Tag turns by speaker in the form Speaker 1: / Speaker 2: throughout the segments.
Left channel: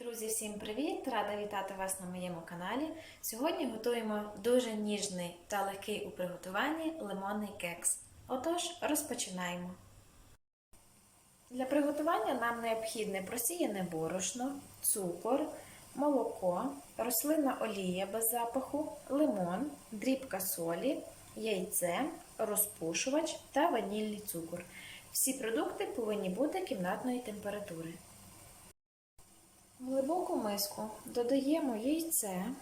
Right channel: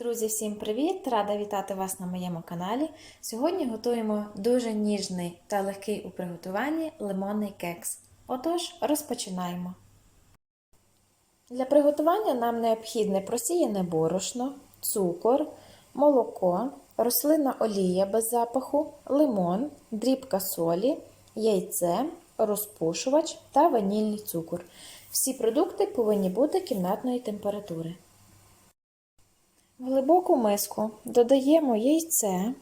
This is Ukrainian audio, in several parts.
Speaker 1: Друзі, всім привіт! Рада вітати вас на моєму каналі. Сьогодні готуємо дуже ніжний та легкий у приготуванні лимонний кекс. Отож, розпочинаємо. Для приготування нам необхідне просіяне борошно, цукор, молоко, рослинна олія без запаху, лимон, дрібка солі, яйце, розпушувач та ванільний цукор. Всі продукти повинні бути кімнатної температури. В глибоку миску додаємо яйце,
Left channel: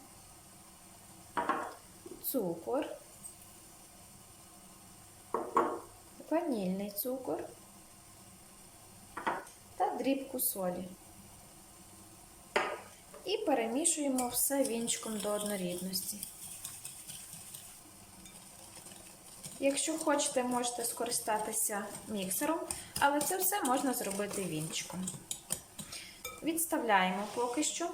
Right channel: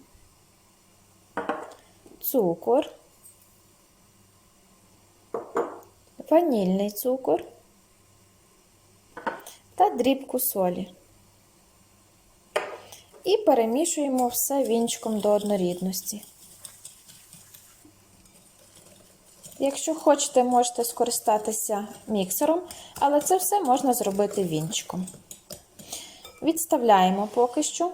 Speaker 1: цукор, ванільний цукор та дрібку солі. І перемішуємо все вінчиком до однорідності. Якщо хочете, можете скористатися міксером, але це все можна зробити вінчиком. Відставляємо поки що,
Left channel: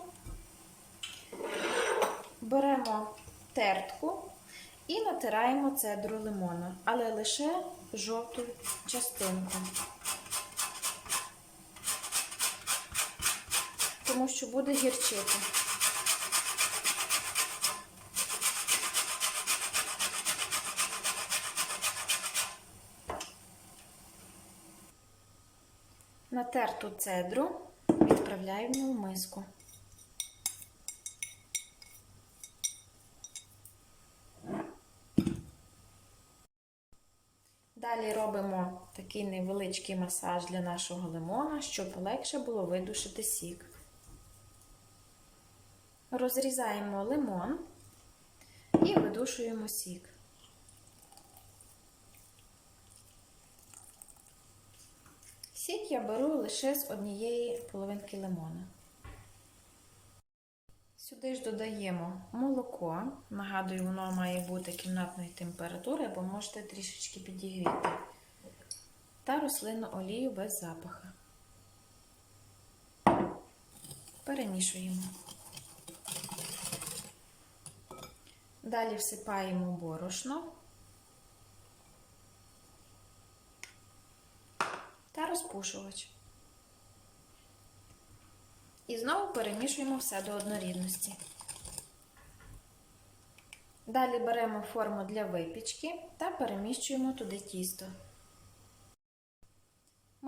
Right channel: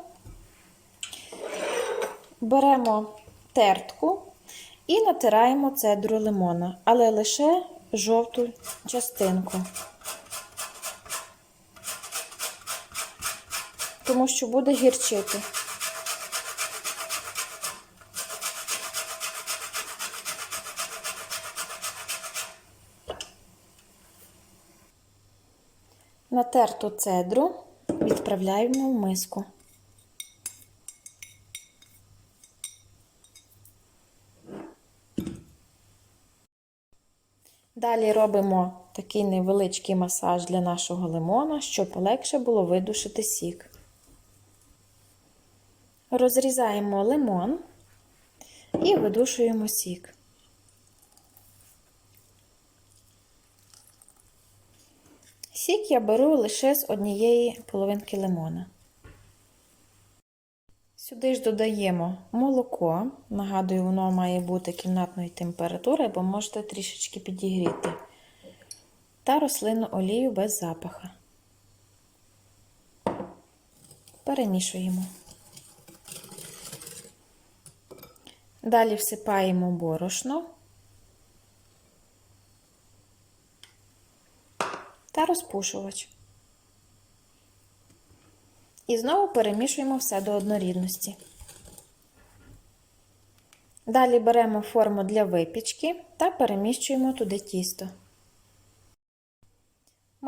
Speaker 1: беремо тертку і натираємо цедру лимона, але лише жовту частинку, тому що буде гірчити. Натерту цедру відправляємо в миску. Далі робимо такий невеличкий масаж для нашого лимона, щоб легше було видушити сік. Розрізаємо лимон і видушуємо сік. Сік я беру лише з однієї половинки лимона. Сюди ж додаємо молоко. Нагадую, воно має бути кімнатної температури, бо можете трішечки підігріти. Та рослинну олію без запаха. Перемішуємо. Далі всипаємо борошно. Та розпушувач. І знову перемішуємо все до однорідності. Далі беремо форму для випічки та переміщуємо туди тісто.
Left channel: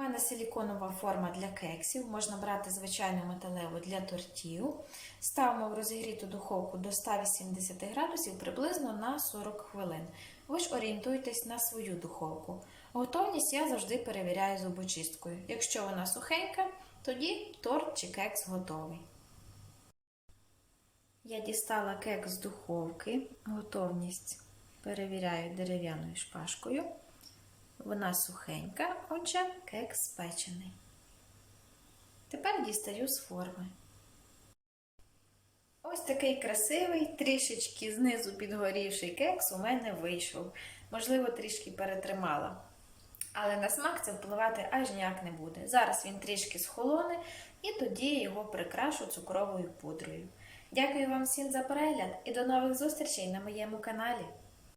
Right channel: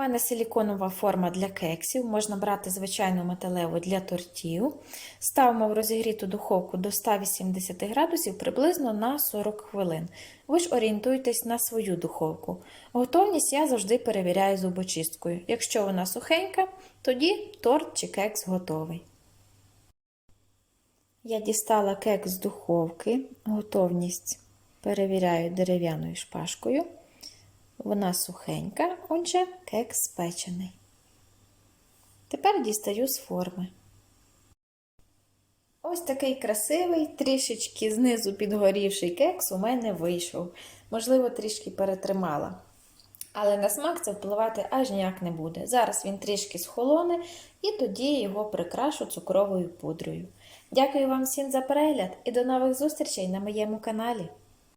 Speaker 1: Мене силіконова форма для кексів, можна брати звичайну металеву для тортів. Ставимо в розігріту духовку до 180 градусів приблизно на 40 хвилин. Ви ж орієнтуйтесь на свою духовку. Готовність я завжди перевіряю зубочисткою. Якщо вона сухенька, тоді торт чи кекс готовий. Я дістала кекс з духовки, готовність перевіряю дерев'яною шпажкою. Вона сухенька, отже, кекс спечений. Тепер дістаю з форми. Ось такий красивий, трішечки знизу підгорівший кекс у мене вийшов. Можливо, трішки перетримала. Але на смак це впливати аж ніяк не буде. Зараз він трішки схолоне і тоді його прикрашу цукровою пудрою. Дякую вам всім за перегляд і до нових зустрічей на моєму каналі.